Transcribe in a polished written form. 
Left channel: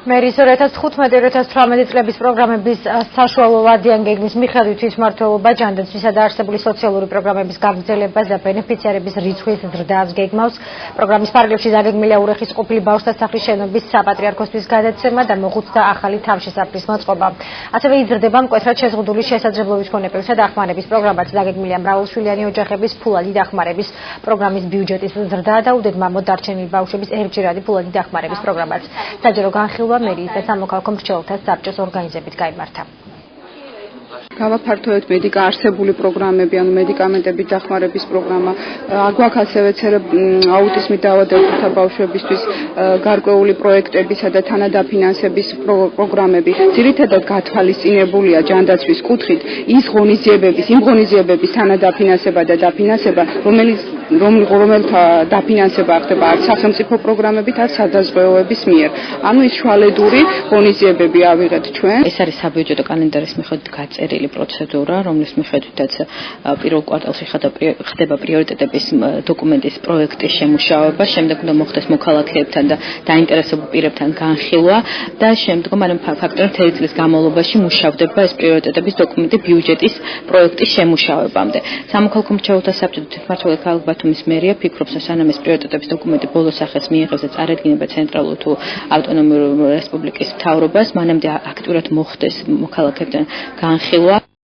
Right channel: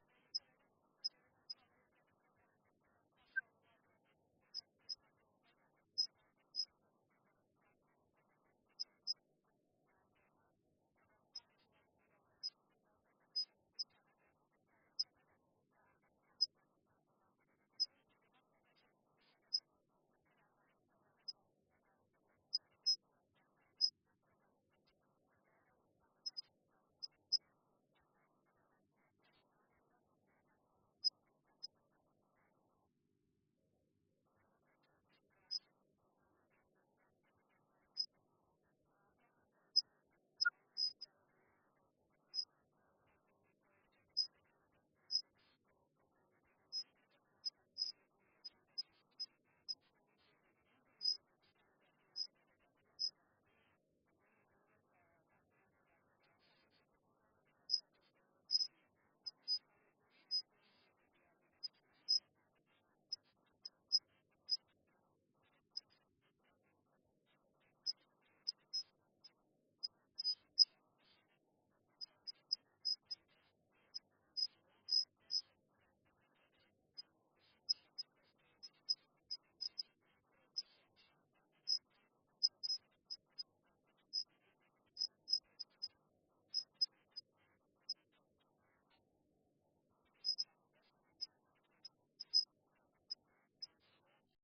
მერის 2015-2018 წლების პროგრამების საშუალო ვადიან გეგმის მიხედვით ის მმართველობა ჯანდაცვისა და არსებული სოციალური პროგრამების გაგრძელებას და ბენეფიციარების რიცხვის ზრდას გეგმავს. პროგრამის ფარგლებში დაგეგმილია ურეხის ყოფილი ბავშვთა სახლის შენობის საპატრიარქოსთვის გადაცემა და მოხუცთა ახალი თავშესაფრის მოწყობა. ასევე იზრდება მკვეთრად შეზღუდული შესაძლებლობის მქონე პირთა დახმარების პროგრამაც დაგეგმილია მრავალშვილიანი ოჯახების ფულადი დახმარების პროგრამის ბიუჯეტის ზრდა და უდედმამოდ დარჩენილი ბავშვების ერთჯერადი ფულადი დახმარების პროგრამაც. საჯარო განხილვა მერიის და სამოქალაქო მრჩეველთა საბჭოს ორგანიზებით გაიმართა. გავაფართოვეთ არსებული პროგრამები, ანუ მედიკამენტებით დახმარების პროგრამა, აგვაქვს ასევე აუტიზმით დაავადებულთა ბავშვებისთვის გარკვეული პროექტებისა და თანადაფინანსების პროგრამები. ძირითადად გათვალისწინებულია ჯანდაცვის კუთხით იმ ღონისძიებების თანადაფინანსება და დაფინანსება, რომელთა დაფინანსება ხდება არც სახელმწიფო პროგრამებით, არც სადაზღვევოების მიერ. ანუ ის შუალედური ღონისძიებები ავიღეთ ჩვენ. ეს არის საბიუჯეტო კალენდარის მიხედვით გაწერილი პროცედურა, რომლის მიხედვითაც პირველ კვარტალში ხდება პრიორიტეტების დოკუმენტის პროექტის შემუშავება, შემდეგ უნდა მოხდეს მოქალაქეებთან და დაინტერესებულ პირებთან განხილვა და შემდგომ ფაქტობრივად მთელი წლის განმავლობაში მუშავდება ეს პრიორიტეტების დოკუმენტი ბიუჯეტის პროექტის შემუშავებამდე. სამოქალაქო მრჩეველთა საბჭო თვითმმართველი ქალაქ ბათუმის მერია ფიქრობს, რომ სანამ ეს პრიორიტეტების დოკუმენტი ბოლო სახეს მიიღებს და წარედგინება ცენტრალურ თუ ავტონომიური რესპუბლიკის მთავრობას, მანამდე აქტიურად მოხდეს მოქალაქეებთან განხილვა.